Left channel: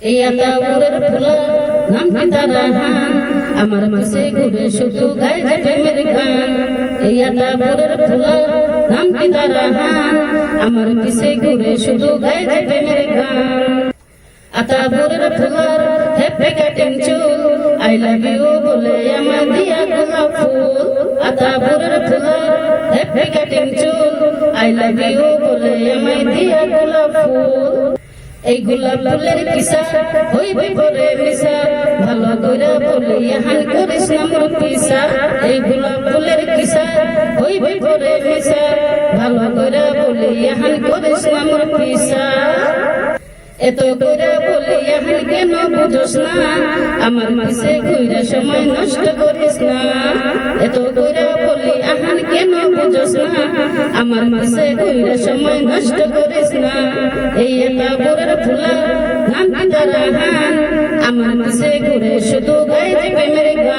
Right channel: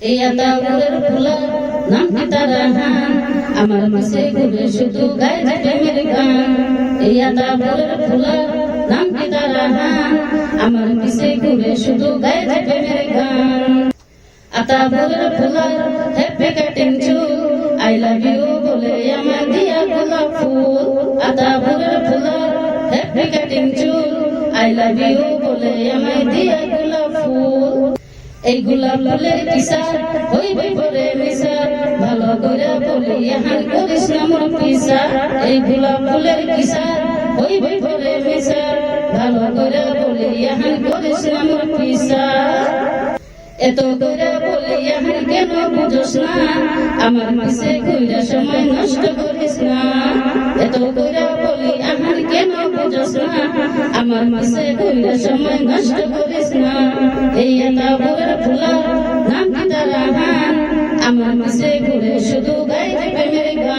এই আতাউরের ফুলা নাম পিতারাহান আমার মাসে ঘুরে শুধু গায়ে প্রেমের গান এই আতাউরের ফুলা নাম পিতারাহান আমার মাসে ঘুরে শুধু গায়ে প্রেমের গান আতাউরের ফুলার হ্যাপি কাটিং চুল আই লাভ ইউ বলে আমার দিয়া গোলাপ ফুল আতাউরের ফুলার হ্যাপি কাটিং চুল আই লাভ ইউ বলে আমার দিয়া গোলাপ ফুল এই গোলাপ ফুলের কিসার হই বই পরে মিসার ভালো কইরা বলি হান করিস না মোর কিসার এই গোলাপ ফুলের কিসার হই বই পরে মিসার ভালো কইরা বলি হান করিস না মোর কিসার এত কইরা বলি হান কেন বুঝোস না আমার মাসে কইরা সময় নষ্ট করিস না এত কইরা বলি হান কেন বুঝোস না আমার মাসে কইরা সময় নষ্ট করিস না এই আতাউরের ফুলা নাম পিতারাহান আমার মাসে ঘুরে শুধু গায়ে প্রেমের গান।